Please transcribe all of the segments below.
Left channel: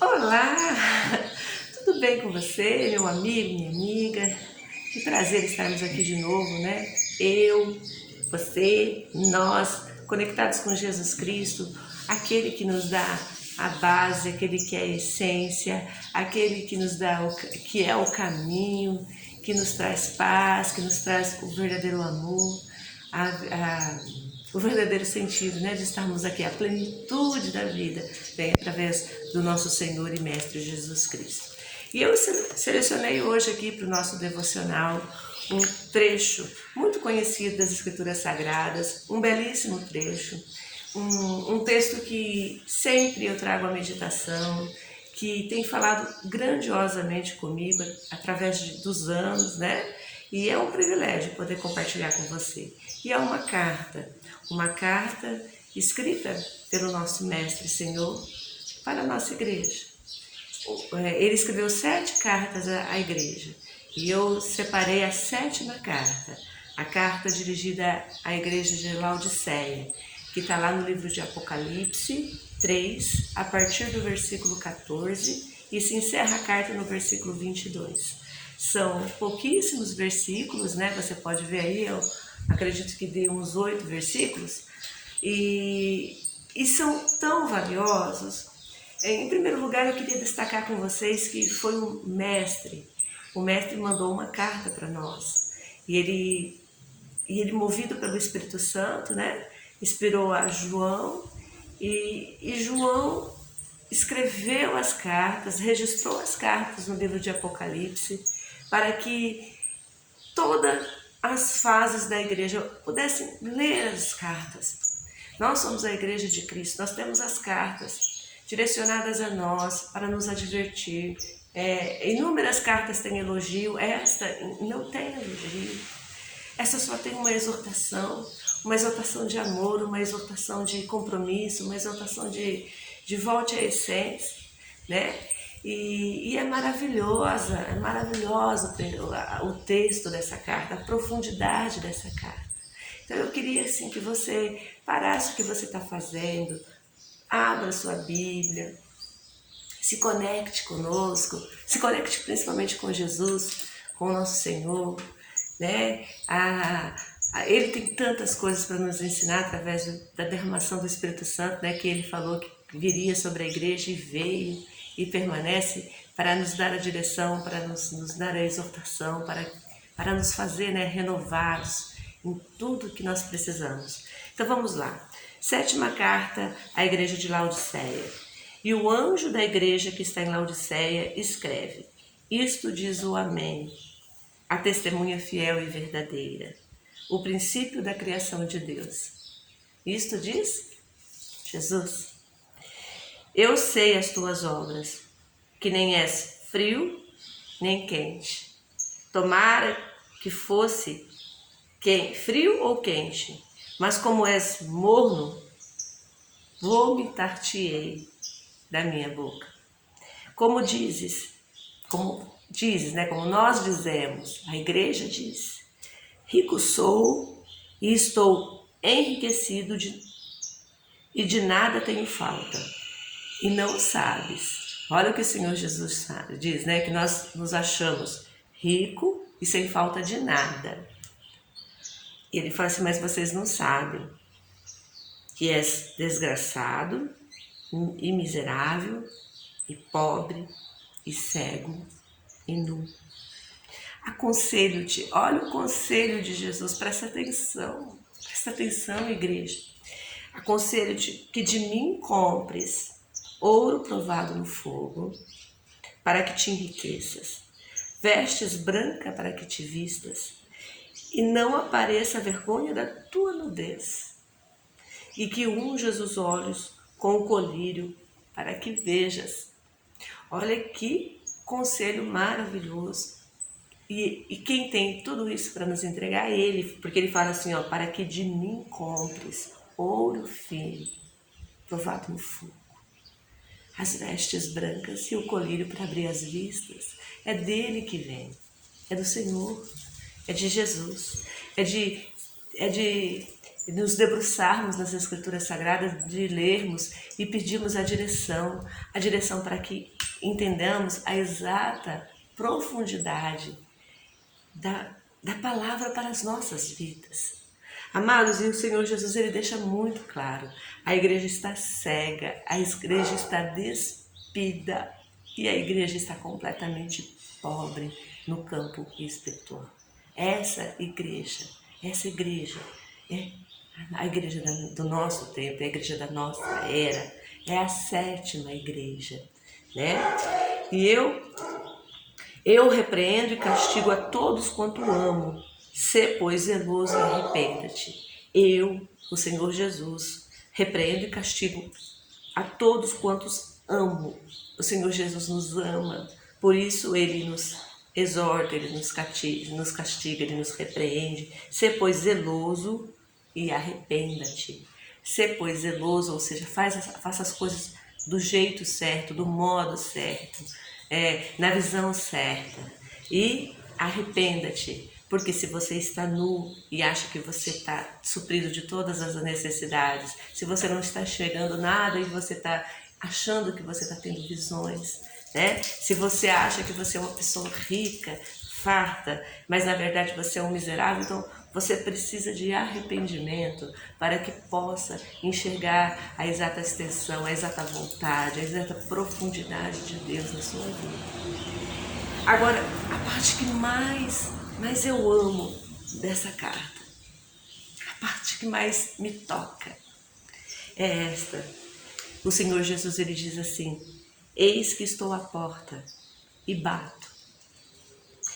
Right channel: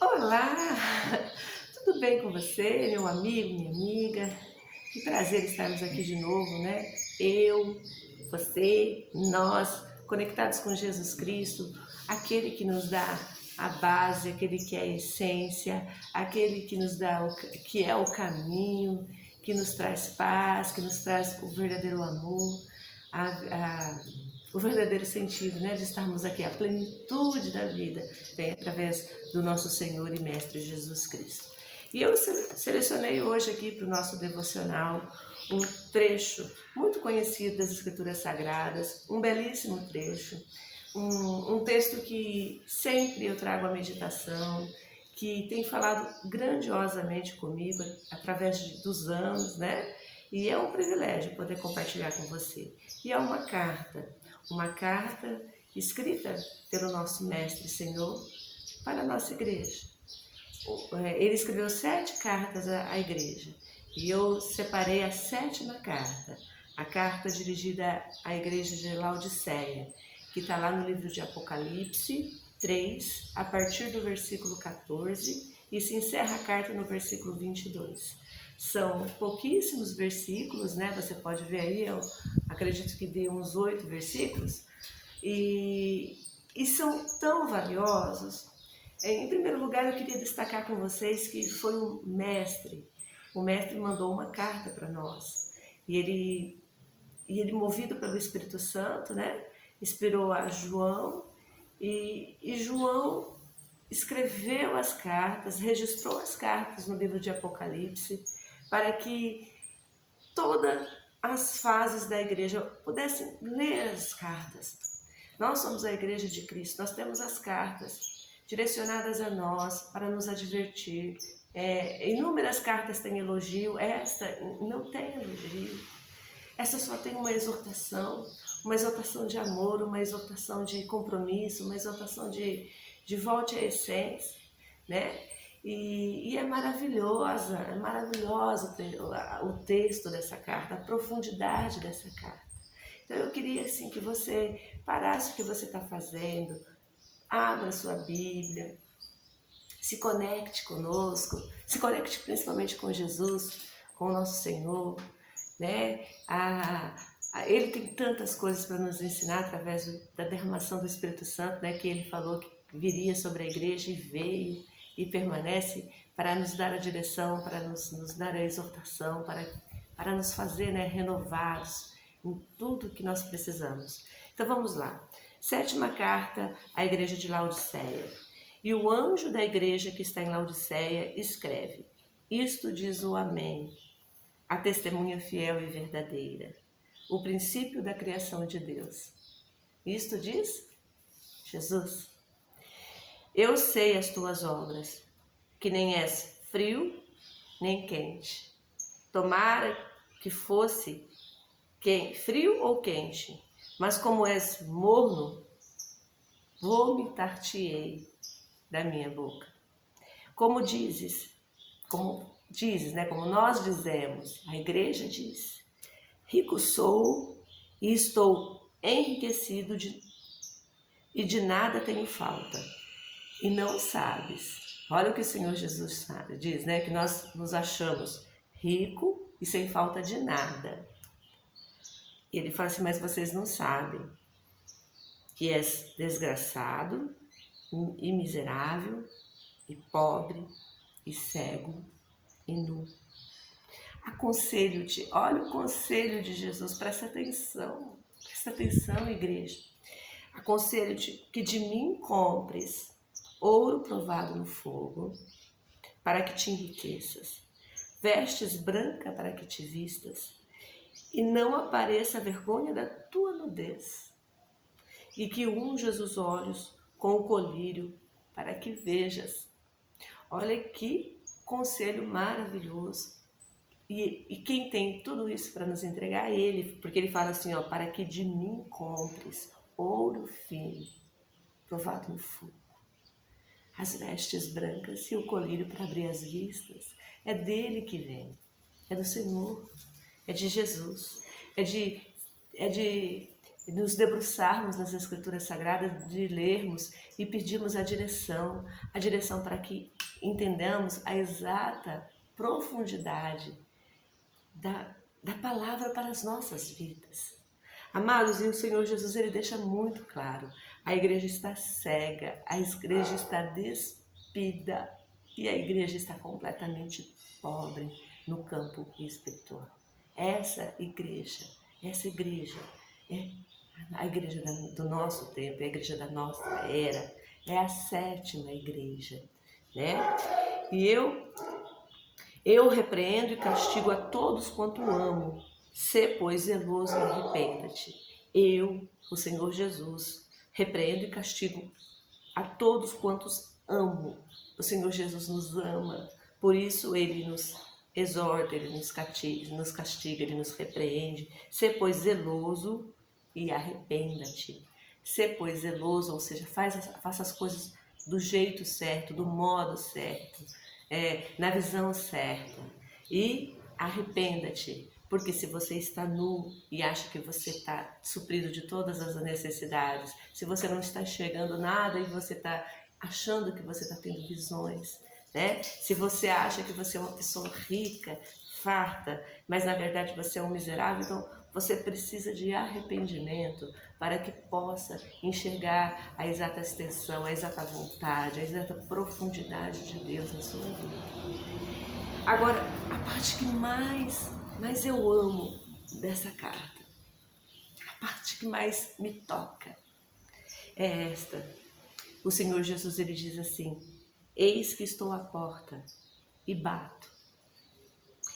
Olá! Tudo bem com você, meu amigo, minha amiga? Que prazer estarmos aqui de novo, né? Eu, você, nós, conectados com Jesus Cristo, aquele que nos dá a base, aquele que é a essência, aquele que nos dá que é o caminho, que nos traz paz, que nos traz o verdadeiro amor, o verdadeiro sentido, né, de estarmos aqui, a plenitude da vida vem através do nosso Senhor e Mestre Jesus Cristo. E eu selecionei hoje aqui para o nosso devocional um trecho muito conhecido das Escrituras Sagradas, um belíssimo trecho, um texto que sempre eu trago à meditação, que tem falado grandiosamente comigo através dos anos, né? E é um privilégio poder compartilhar com você. E é uma carta escrita pelo nosso Mestre Senhor para a nossa igreja. Ele escreveu 7 cartas à igreja e eu separei a 7ª carta, a carta dirigida à igreja de Laodiceia, que está lá no livro de Apocalipse 3, a partir do versículo 14, e se encerra a carta no versículo 22. São pouquíssimos versículos, né? Você pode ver aí, eu acredito que dê uns 8 versículos, e são tão valiosos. Em primeiro lugar, eu queria destacar com vocês que foi o mestre mandou uma carta para nós, e ele movido pelo Espírito Santo, né, inspirou a João, e João escreveu as cartas, registrou as cartas no livro de Apocalipse, para que todas as fases da igreja pudessem ler as cartas. Nós somos a igreja de Cristo, nós temos as cartas direcionadas a nós para nos advertir. Inúmeras cartas têm elogio, esta não tem elogio. Essa só tem uma exortação de amor, uma exortação de compromisso, uma exortação de volte à essência, né? E é maravilhoso o texto dessa carta, a profundidade dessa carta. Então eu queria assim que você parasse o que você está fazendo, abra sua Bíblia, se conecte conosco, se conecte principalmente com Jesus, com o nosso Senhor, né? Ele tem tantas coisas para nos ensinar através da derramação do Espírito Santo, né? Que ele falou que viria sobre a igreja e veio e permanece para nos dar a direção, para nos dar a exortação, para nos fazer, né, renovados em tudo que nós precisamos. Então vamos lá. 7ª carta à igreja de Laodiceia. E o anjo da igreja que está em Laodiceia escreve: Isto diz o Amém, a testemunha fiel e verdadeira, o princípio da criação de Deus. Isto diz Jesus. Eu sei as tuas obras, que nem és frio nem quente. Tomara que fosse frio ou quente, mas como és morno, vomitar-te-ei da minha boca. Como nós dizemos, a igreja diz: rico sou e estou enriquecido e de nada tenho falta. E não sabes. Olha o que o Senhor Jesus diz, né? Que nós nos achamos rico e sem falta de nada. E ele fala assim: mas vocês não sabem que és desgraçado e miserável e pobre e cego e nu. Aconselho-te, olha o conselho de Jesus, presta atenção, igreja. Aconselho-te que de mim compres ouro provado no fogo, para que te enriqueças, vestes branca para que te vistas, e não apareça a vergonha da tua nudez, e que unjas os olhos com o colírio, para que vejas. Olha que conselho maravilhoso. E quem tem tudo isso para nos entregar é Ele, porque Ele fala assim, ó, para que de mim compres ouro fino, provado no fogo, as vestes brancas e o colírio para abrir as vistas. É dele que vem, é do Senhor, é de Jesus, é de nos debruçarmos nas Escrituras Sagradas, de lermos e pedirmos a direção para que entendamos a exata profundidade da palavra para as nossas vidas. Amados, e o Senhor Jesus, ele deixa muito claro, a igreja está cega, a igreja está despida e a igreja está completamente pobre no campo espiritual. Essa igreja é a igreja do nosso tempo, é a igreja da nossa era, é a 7ª igreja, né? E eu repreendo e castigo a todos quanto amo. Sê, pois, zeloso e arrependa-te. Eu, o Senhor Jesus, repreendo e castigo a todos quantos amo. O Senhor Jesus nos ama, por isso Ele nos exorta, Ele nos castiga, Ele nos repreende. Sê, pois, zeloso e arrependa-te. Sê, pois, zeloso, ou seja, faça as coisas do jeito certo, do modo certo, na visão certa. E arrependa-te, porque se você está nu e acha que você está suprido de todas as necessidades, se você não está enxergando nada e você está achando que você está tendo visões, né? Se você acha que você é uma pessoa rica, farta, mas na verdade você é um miserável, então você precisa de arrependimento para que possa enxergar a exata extensão, a exata vontade, a exata profundidade de Deus na sua vida. Agora, a parte que mais eu amo dessa carta, a parte que mais me toca, é esta. O Senhor Jesus, ele diz assim: eis que estou à porta e bato.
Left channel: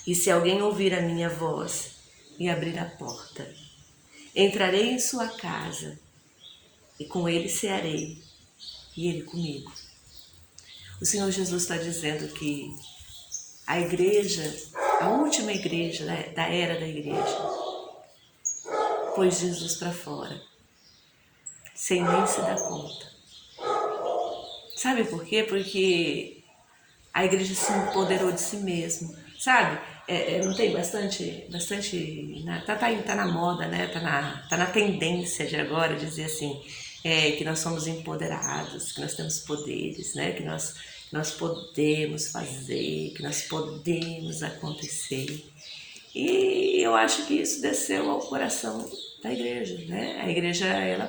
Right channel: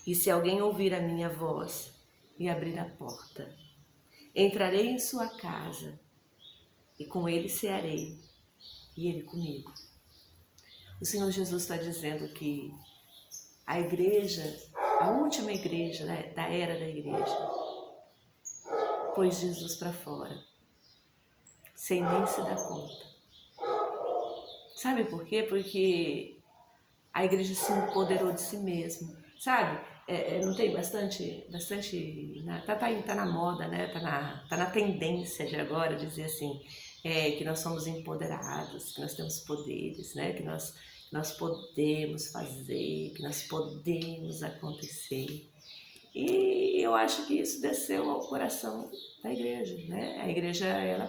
E se alguém ouvir a minha voz e abrir a porta, entrarei em sua casa e com ele cearei e ele comigo. O Senhor Jesus está dizendo que a igreja, a última igreja da era da igreja, pôs Jesus para fora, sem nem se dar conta. Sabe por quê? Porque a igreja se empoderou de si mesma, sabe? Não tem bastante tá na moda, né? Tá na tendência de agora dizer assim, que nós somos empoderados, que nós temos poderes, né? Que nós podemos fazer, que nós podemos acontecer. E eu acho que isso desceu ao coração da igreja, né? A igreja, ela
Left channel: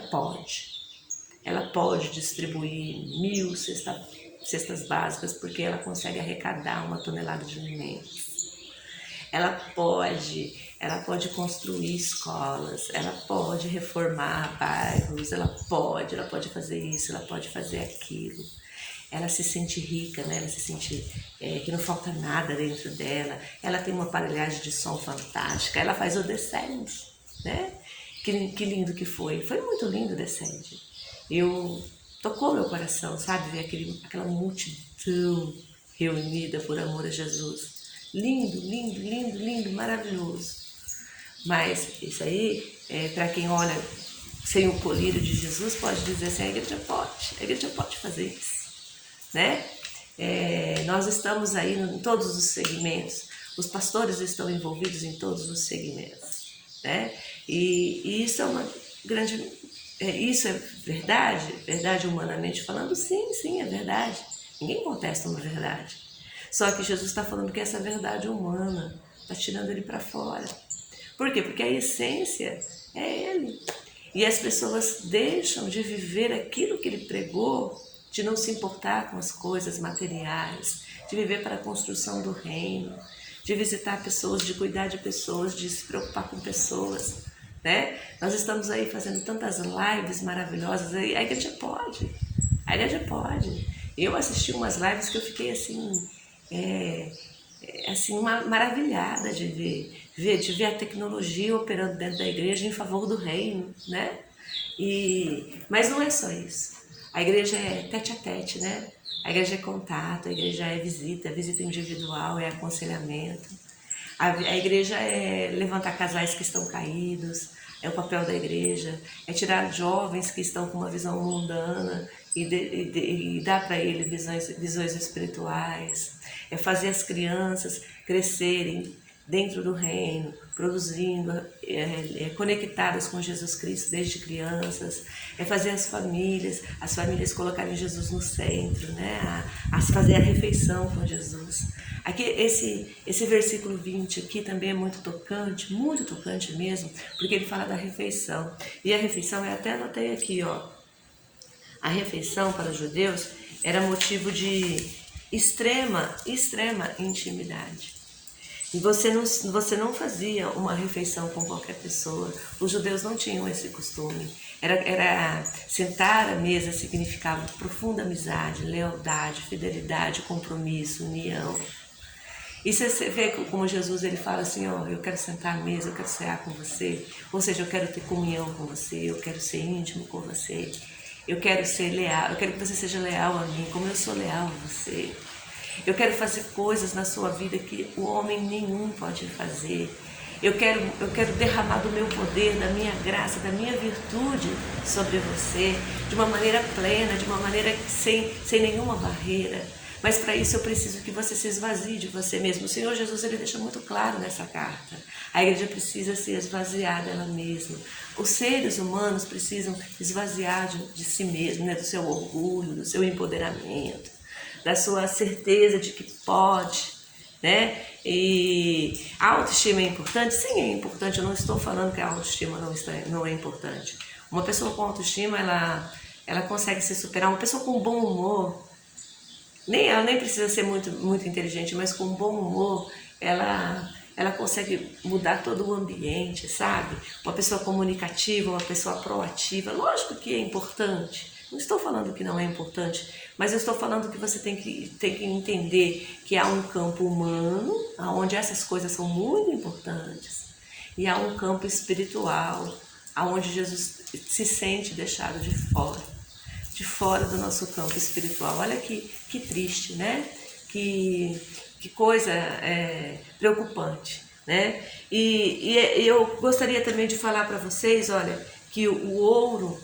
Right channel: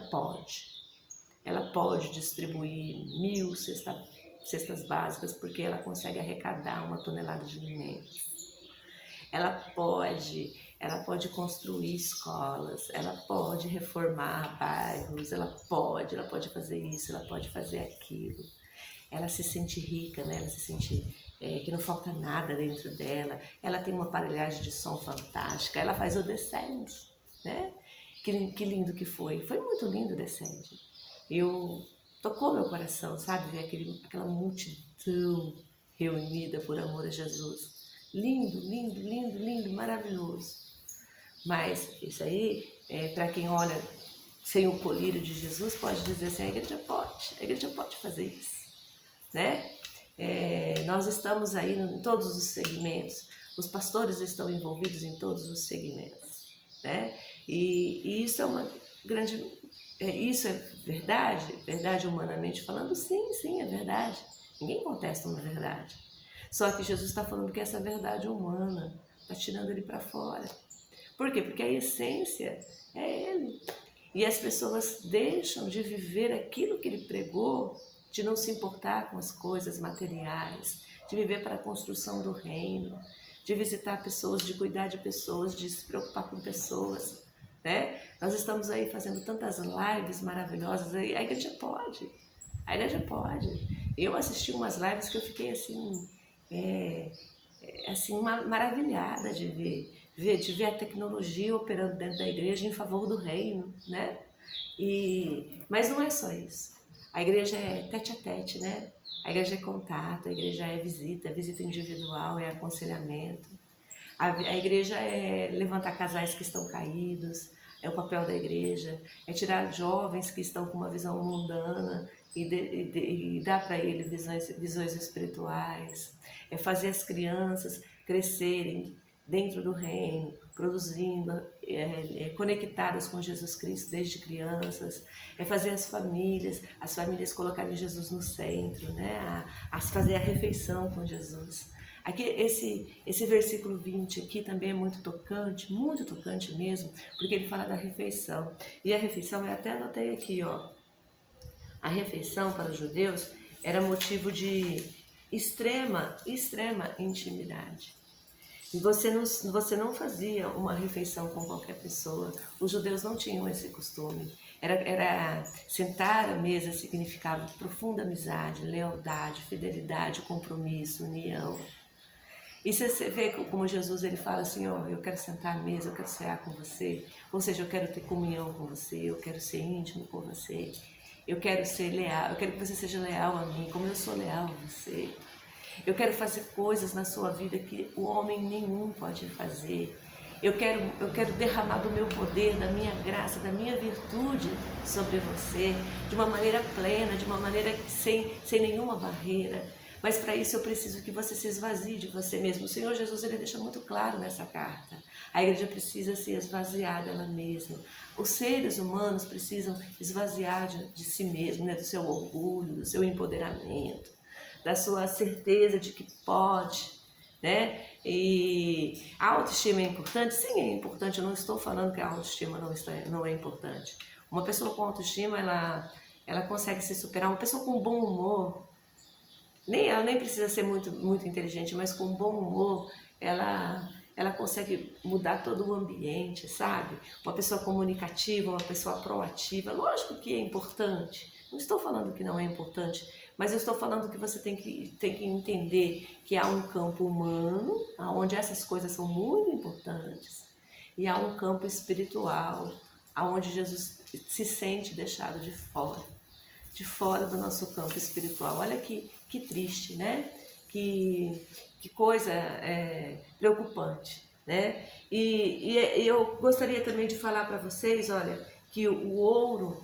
pode distribuir 1000 cestas básicas porque ela consegue arrecadar 1 tonelada de alimentos. Ela pode construir escolas, ela pode reformar bairros, ela pode fazer isso, ela pode fazer aquilo. Ela se sente rica, né? Ela se sente que não falta nada dentro dela. Ela tem uma aparelhagem de som fantástica. Ela faz o Descende, né? Que lindo que foi. Foi muito lindo o Descende. Tocou meu coração, sabe? Ver aquela multidão reunida por amor a Jesus. Lindo, lindo, lindo, lindo, maravilhoso. Mas isso aí, para quem olha sem o colírio de Jesus, pode dizer assim, a igreja pode fazer isso, né? Nós estamos aí em todos os segmentos, os pastores estão envolvidos em todos os segmentos, né? E isso é uma grande... isso é verdade humanamente falando? Sim, é verdade. Ninguém contesta uma verdade. Só que Jesus está falando que essa verdade humana está tirando ele para fora. Por quê? Porque a essência é ele. E as pessoas deixam de viver aquilo que ele pregou, de não se importar com as coisas materiais, de viver para a construção do reino, de visitar pessoas, de cuidar de pessoas, de se preocupar com pessoas, né? Nós estamos aí fazendo tantas lives maravilhosas, a igreja pode. Eu assisti umas lives que eu fiquei assim maravilhada de ver a tecnologia operando dentro da igreja em favor do reino, né? Mas não é só isso. A igreja é tete a tete, né? A igreja é contato, a igreja é visita individual, é aconselhamento. A igreja é levantar casais que estão caídos, é o papel da igreja, é tirar jovens que estão com uma visão mundana e dar para eles visões espirituais, é fazer as crianças crescerem dentro do reino, produzindo, conectadas com Jesus Cristo desde crianças, fazer as famílias colocarem Jesus no centro, né? Fazer a refeição com Jesus. Aqui, esse versículo 20 aqui também é muito tocante mesmo, porque ele fala da refeição. E a refeição, eu até anotei aqui, ó, a refeição para os judeus era motivo de extrema intimidade. E você não fazia uma refeição com qualquer pessoa. Os judeus não tinham esse costume. Era sentar à mesa significava profunda amizade, lealdade, fidelidade, compromisso, união. E você vê como Jesus ele fala assim, ó, eu quero sentar à mesa, eu quero cear com você. Ou seja, eu quero ter comunhão com você, eu quero ser íntimo com você. Eu quero ser leal, eu quero que você seja leal a mim, como eu sou leal a você. Eu quero fazer coisas na sua vida que o homem nenhum pode fazer. Eu quero derramar do meu poder, da minha graça, da minha virtude sobre você, de uma maneira plena, de uma maneira sem nenhuma barreira. Mas para isso eu preciso que você se esvazie de você mesmo. O Senhor Jesus ele deixa muito claro nessa carta. A igreja precisa se esvaziar dela mesma. Os seres humanos precisam esvaziar de si mesmo, né? Do seu orgulho, do seu empoderamento, da sua certeza de que pode, né? E a autoestima é importante? Sim, é importante. Eu não estou falando que a autoestima não é importante. Uma pessoa com autoestima, ela consegue se superar. Uma pessoa com bom humor, ela nem precisa ser muito inteligente, mas com bom humor, ela consegue mudar todo o ambiente, sabe? Uma pessoa comunicativa, uma pessoa proativa, lógico que é importante. Não estou falando que não é importante, mas eu estou falando que você tem que entender que há um campo humano, onde essas coisas são muito importantes, e há um campo espiritual, onde Jesus se sente deixado de fora do nosso campo espiritual. Olha que triste, né? Que coisa preocupante, né? E eu gostaria também de falar para vocês, olha, que o ouro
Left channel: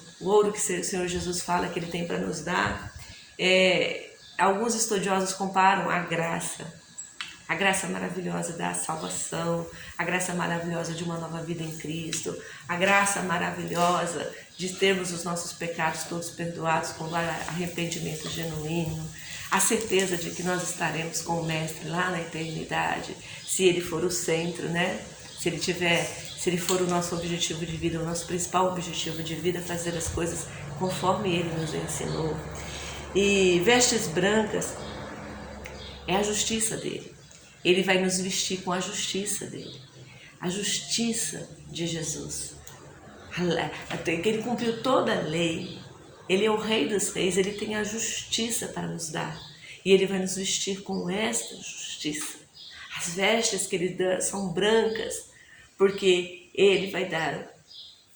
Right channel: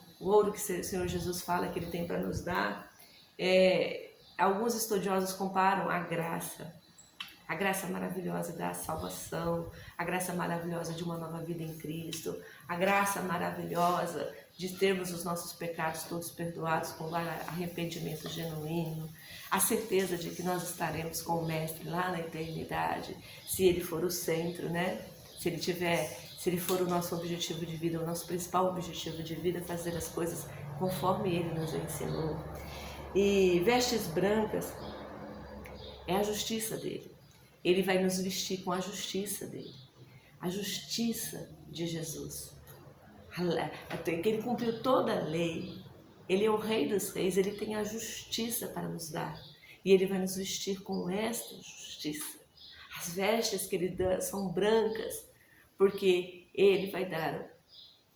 que o Senhor Jesus fala que Ele tem para nos dar, alguns estudiosos comparam a graça maravilhosa da salvação, a graça maravilhosa de uma nova vida em Cristo, a graça maravilhosa de termos os nossos pecados todos perdoados com arrependimento genuíno, a certeza de que nós estaremos com o Mestre lá na eternidade, se Ele for o centro, né? Se Ele for o nosso objetivo de vida, o nosso principal objetivo de vida, fazer as coisas conforme Ele nos ensinou. E vestes brancas é a justiça dele. Ele vai nos vestir com a justiça dele, a justiça de Jesus. Ele cumpriu toda a lei, Ele é o Rei dos Reis, Ele tem a justiça para nos dar. E Ele vai nos vestir com esta justiça. As vestes que Ele dá são brancas, porque Ele vai dar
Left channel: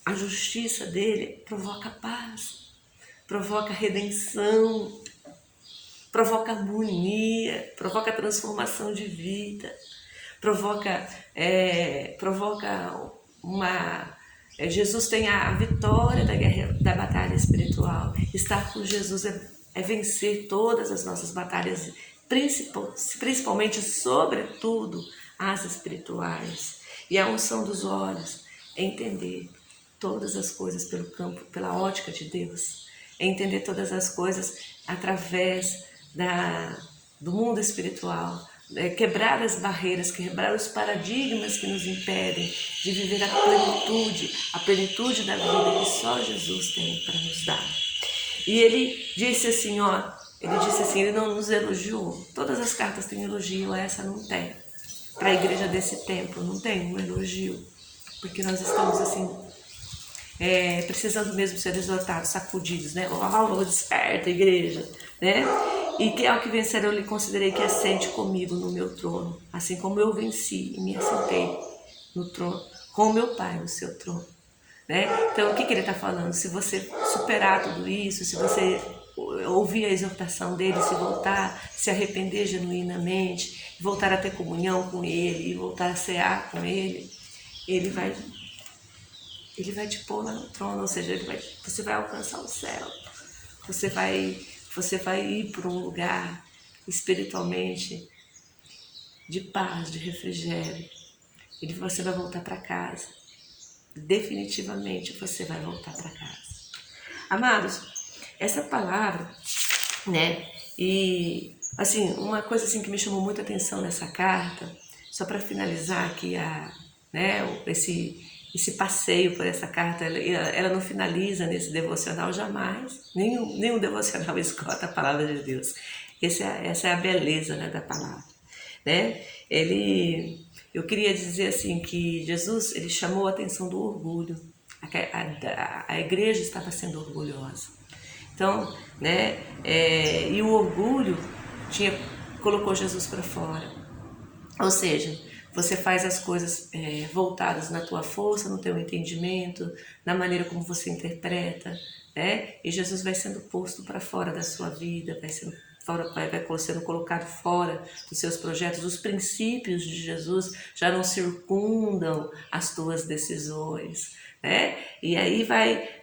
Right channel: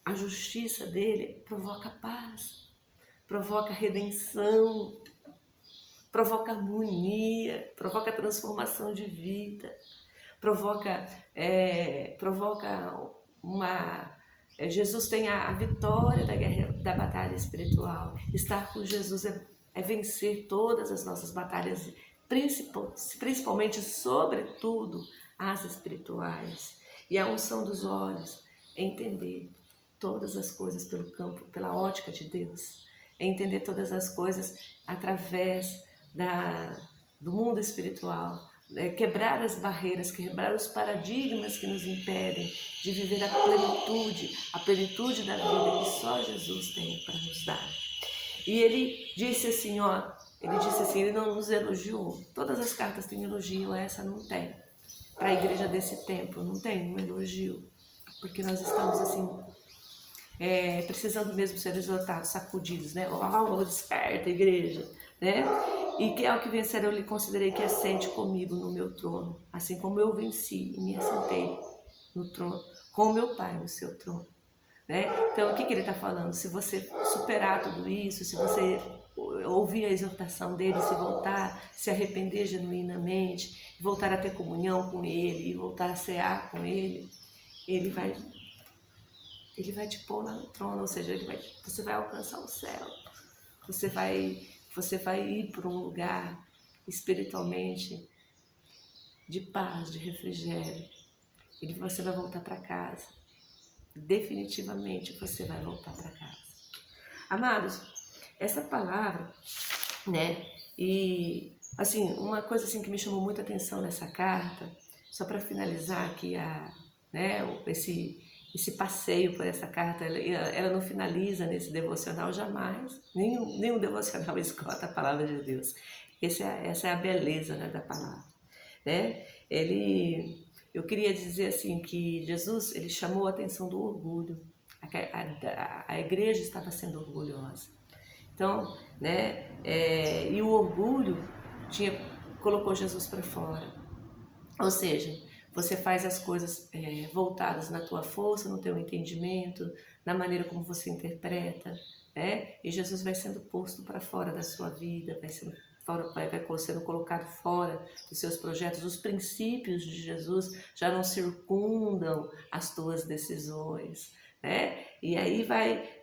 a justiça dele, provoca paz, provoca redenção, provoca harmonia, provoca transformação de vida, provoca uma... Jesus tem a vitória da batalha espiritual. Estar com Jesus é vencer todas as nossas batalhas, principalmente, sobretudo, as espirituais. E a unção dos olhos é entender todas as coisas pela ótica de Deus, é entender todas as coisas através do mundo espiritual, quebrar as barreiras, quebrar os paradigmas que nos impedem de viver a plenitude da vida que só Jesus tem para nos dar. E ele disse assim, ele não nos elogiou. Todas as cartas têm elogio, essa não tem. Para a igreja desse tempo não tem um elogio, porque nós estamos assim, precisando mesmo ser exortados, sacudidos, né? Desperta, igreja, né? E que ao que vencer eu lhe considerei que assente comigo no meu trono, assim como eu venci e me assentei no trono, com o meu Pai no seu trono, né? Então o que ele está falando? Se você superar tudo isso, se você ouvir a exortação dele, se voltar, se arrepender genuinamente, voltar a ter comunhão com ele e voltar a cear com ele, ele vai te pôr lá no trono, ou seja, você vai alcançar o céu, você vai ir para um lugar espiritualmente de paz, de refrigério, você vai voltar para casa. Definitivamente você vai voltar para casa. Amados, essa palavra, né? E assim, uma coisa assim que me chamou muita atenção nessa carta, só para finalizar aqui esse passeio por essa carta, ela não finaliza nesse devocional jamais. Nenhum devocional esgota a palavra de Deus. Essa é a beleza, né, da palavra, né? Eu queria dizer assim que Jesus, ele chamou a atenção do orgulho. A igreja estava sendo orgulhosa. Então, né, e o orgulho colocou Jesus para fora. Ou seja, você faz as coisas voltadas na tua força, no teu entendimento, na maneira como você interpreta, né? E Jesus vai sendo posto para fora da sua vida, vai sendo colocado fora dos seus projetos. Os princípios de Jesus já não circundam as tuas decisões, né? E aí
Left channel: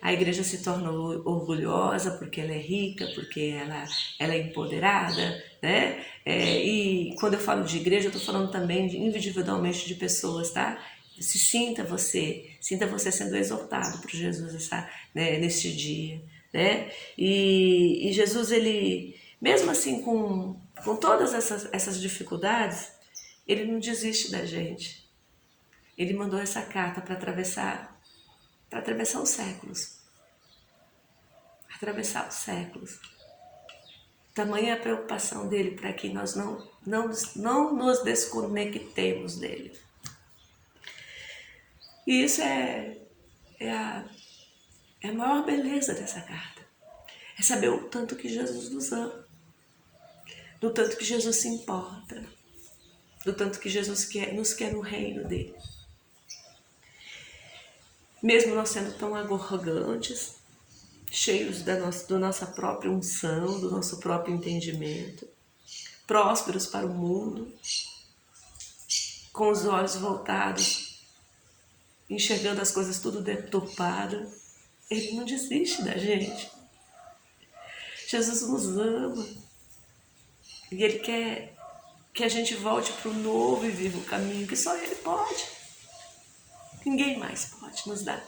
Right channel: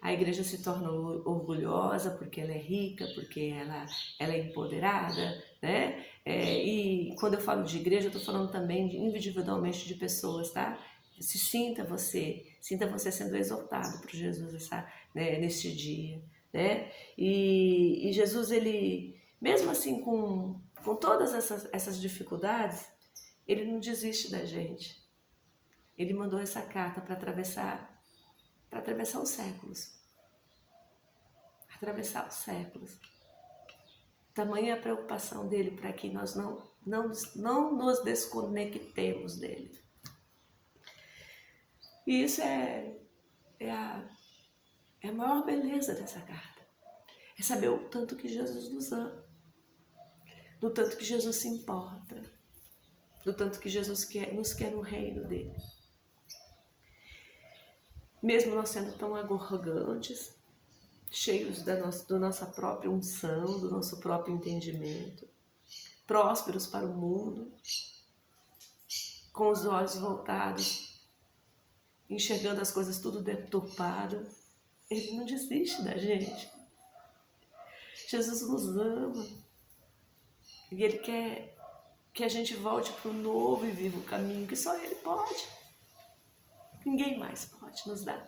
a igreja se torna orgulhosa porque ela é rica, porque ela é empoderada, né? E quando eu falo de igreja, eu estou falando também individualmente de pessoas, tá? Sinta você sendo exortado por Jesus neste dia, né? E Jesus, ele, mesmo assim, com todas essas dificuldades, ele não desiste da gente. Ele mandou essa carta para atravessar os séculos. Atravessar os séculos. Tamanha a preocupação dele para que nós não nos desconectemos dele. E isso é a maior beleza dessa carta. É saber o tanto que Jesus nos ama, do tanto que Jesus se importa, do tanto que Jesus nos quer no reino dele. Mesmo nós sendo tão arrogantes, cheios da nossa própria unção, do nosso próprio entendimento, prósperos para o mundo, com os olhos voltados, enxergando as coisas tudo deturpado, ele não desiste da gente. Jesus nos ama e ele quer que a gente volte para o novo e vivo caminho que só ele pode. Ninguém mais pode nos dar.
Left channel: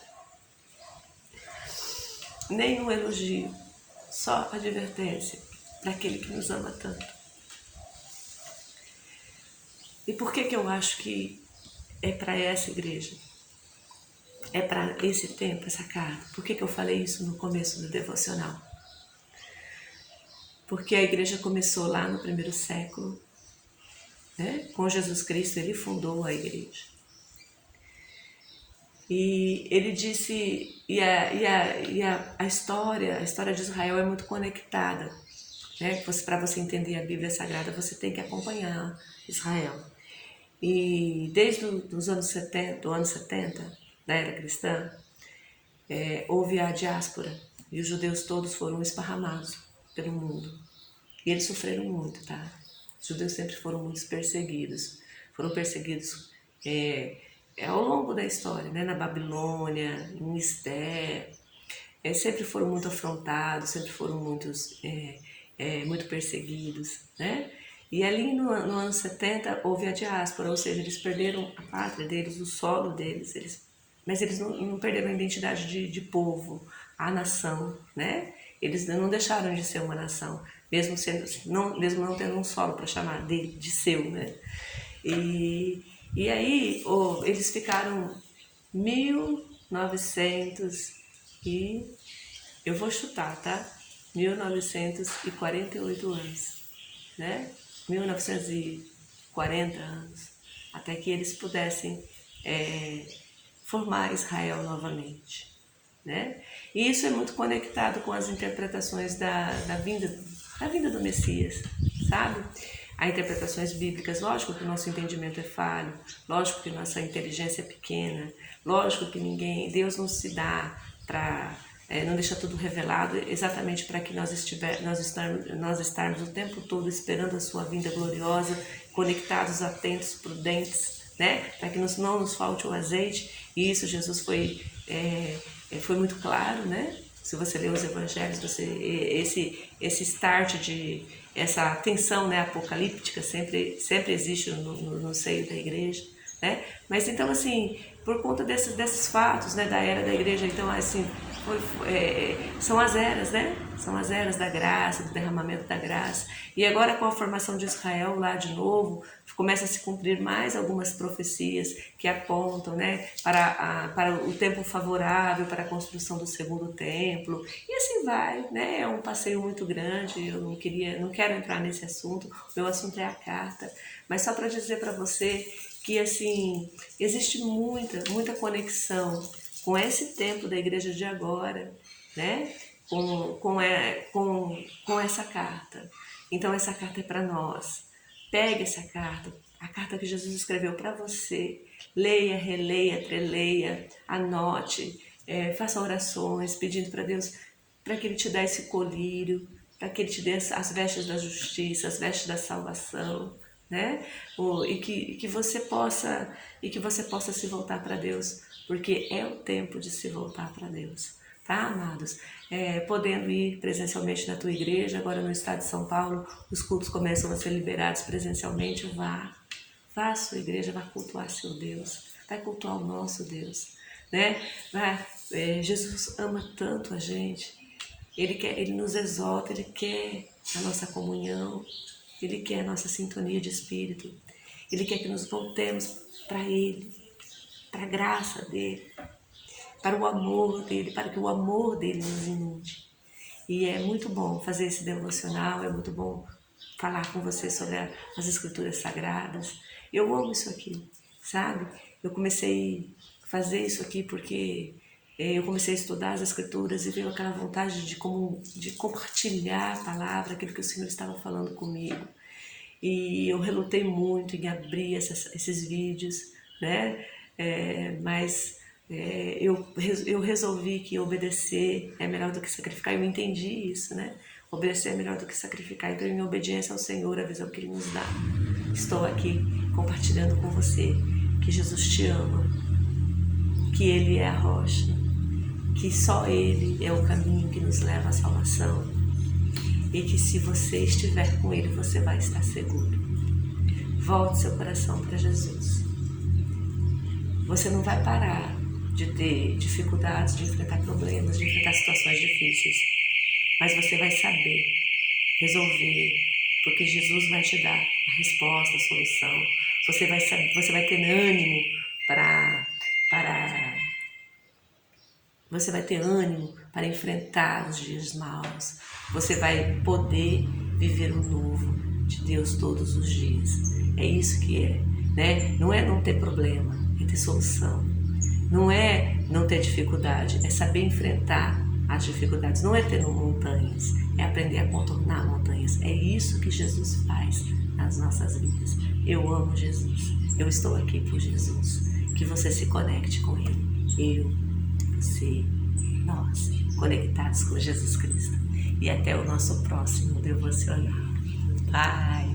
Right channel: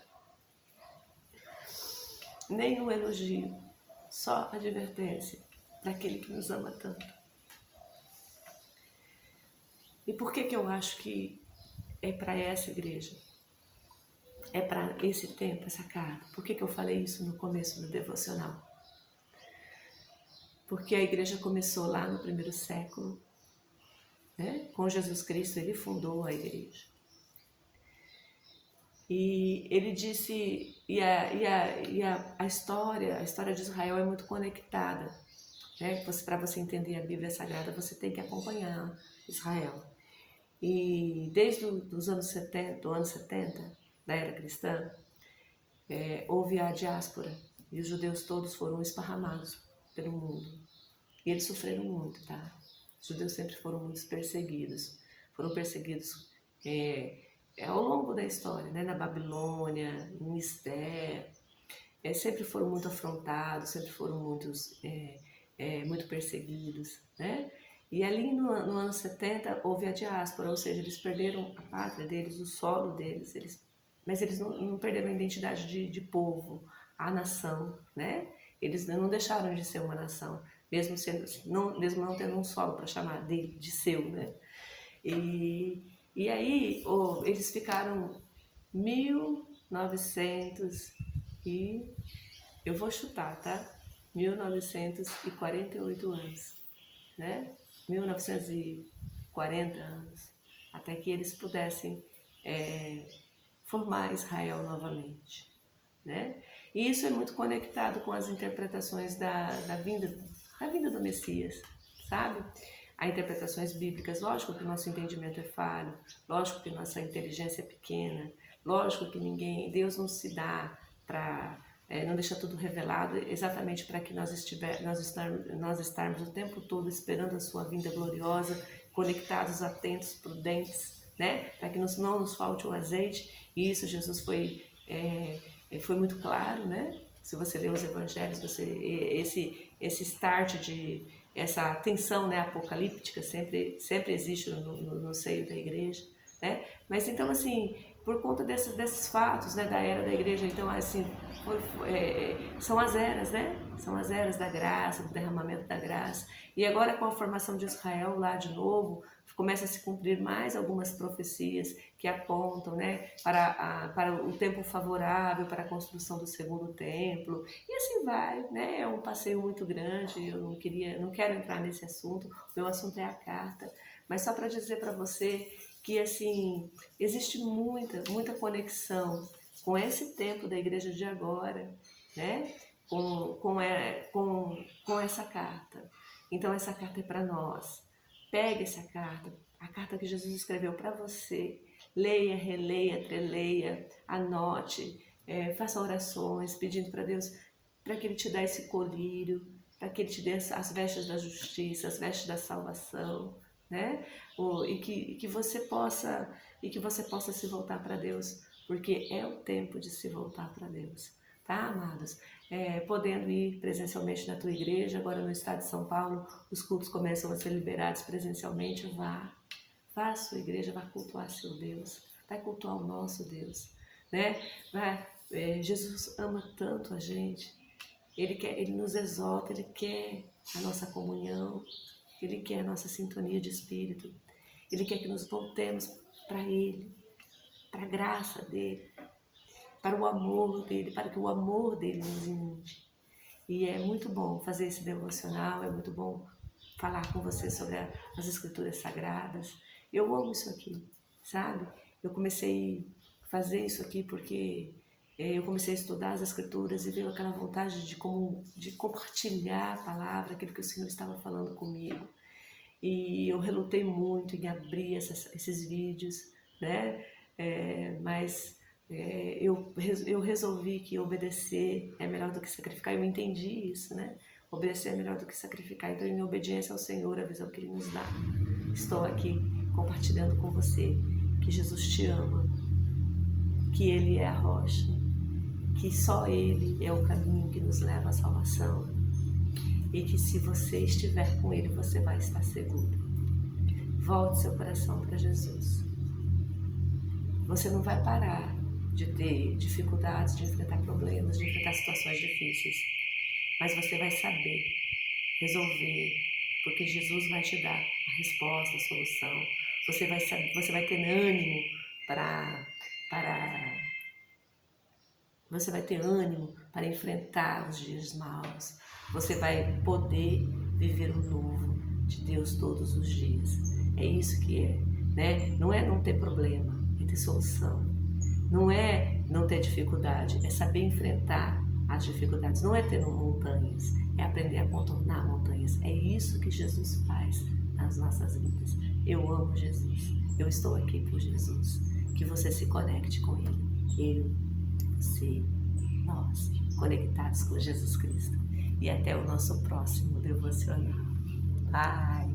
Nenhum elogio, só advertência para aquele que nos ama tanto. E por que eu acho que é para essa igreja? É para esse tempo, essa carta? Por que eu falei isso no começo do devocional? Porque a igreja começou lá no primeiro século, né? Com Jesus Cristo, ele fundou a igreja. E ele disse, a história de Israel é muito conectada, né? Para você entender a Bíblia Sagrada, você tem que acompanhar Israel. E desde os anos 70, do ano 70, da era cristã, houve a diáspora e os judeus todos foram esparramados pelo mundo. E eles sofreram muito, tá? Os judeus sempre foram muito perseguidos. Foram perseguidos ao longo da história, né? Na Babilônia, em Esté, sempre foram muito afrontados, sempre foram muito perseguidos, né? E ali no ano 70 houve a diáspora, ou seja, eles perderam a pátria deles, o solo deles, mas eles não perderam a identidade de povo, a nação, né? Eles não deixaram de ser uma nação, mesmo não tendo um solo para chamar de seu, né? E aí eles ficaram 1900 e eu vou chutar, tá? 1948 anos, né? 1940 anos, até que eles pudessem formar Israel novamente, né? E isso é muito conectado com as interpretações da vinda do Messias, sabe? Há interpretações bíblicas, lógico que o nosso entendimento é falho, lógico que nossa inteligência é pequena, lógico que Deus não se dá para, não deixa tudo revelado exatamente para que nós estarmos o tempo todo esperando a sua vinda gloriosa, conectados, atentos, prudentes, né? Para que não nos falte o azeite. E isso Jesus foi muito claro, né? Se você ler os evangelhos, esse start essa tensão, né, apocalíptica sempre existe no seio da igreja, né? Mas então, assim, por conta desses fatos, né, da era da igreja, então, assim, são as eras, né? São as eras da graça, do derramamento da graça. E agora, com a formação de Israel lá de novo, começa a se cumprir mais algumas profecias que apontam, né, para o tempo favorável para a construção do segundo templo. E assim vai, né? É um passeio muito grande. Eu não quero entrar nesse assunto. O meu assunto é a carta. Mas só para dizer para você que, assim, existe muita conexão com esse tempo da igreja de agora, né? Com essa carta. Então, essa carta é para nós. Pegue essa carta, a carta que Jesus escreveu para você. Leia, releia, treleia, anote, faça orações pedindo para Deus, para que Ele te dê esse colírio, para que Ele te dê as vestes da justiça, as vestes da salvação, né? E que você possa se voltar para Deus, porque é o tempo de se voltar para Deus, tá, amados? Podendo ir presencialmente na tua igreja, agora no estado de São Paulo, os cultos começam a ser liberados presencialmente, vá à sua igreja, vá cultuar seu Deus, vai cultuar o nosso Deus, né? Jesus ama tanto a gente, Ele nos exalta, Ele quer a nossa comunhão, Ele quer a nossa sintonia de espírito, Ele quer que nos voltemos para Ele, para a graça dEle, para o amor dEle, para que o amor dEle nos inunde. E é muito bom fazer esse devocional, é muito bom falar com você sobre as Escrituras Sagradas. Eu amo isso aqui, sabe? Eu comecei a fazer isso aqui porque eu comecei a estudar as Escrituras e veio aquela vontade de compartilhar a palavra, aquilo que o Senhor estava falando comigo. E eu relutei muito em abrir esses vídeos, né? Mas eu resolvi que obedecer é melhor do que sacrificar. Eu entendi isso, né? Obedecer é melhor do que sacrificar. Então, em obediência ao Senhor, a visão que Ele nos dá, estou aqui compartilhando com você que Jesus te ama, que Ele é a rocha, que só Ele é o caminho que nos leva à salvação e que se você estiver com Ele, você vai estar seguro. Volte seu coração para Jesus. Você não vai parar de ter dificuldades, de enfrentar problemas, de enfrentar situações difíceis, mas você vai saber resolver, porque Jesus vai te dar a resposta, a solução. Você vai ter ânimo você vai ter ânimo para enfrentar os dias maus. Você vai poder viver o novo de Deus todos os dias. É isso que é, né? Não é não ter problema, é ter solução. Não é não ter dificuldade, é saber enfrentar as dificuldades. Não é ter montanhas, é aprender a contornar montanhas. É isso que Jesus faz nas nossas vidas. Eu amo Jesus, eu estou aqui por Jesus. Que você se conecte com Ele. Você, nós, conectados com Jesus Cristo. E até o nosso próximo devocional. Bye!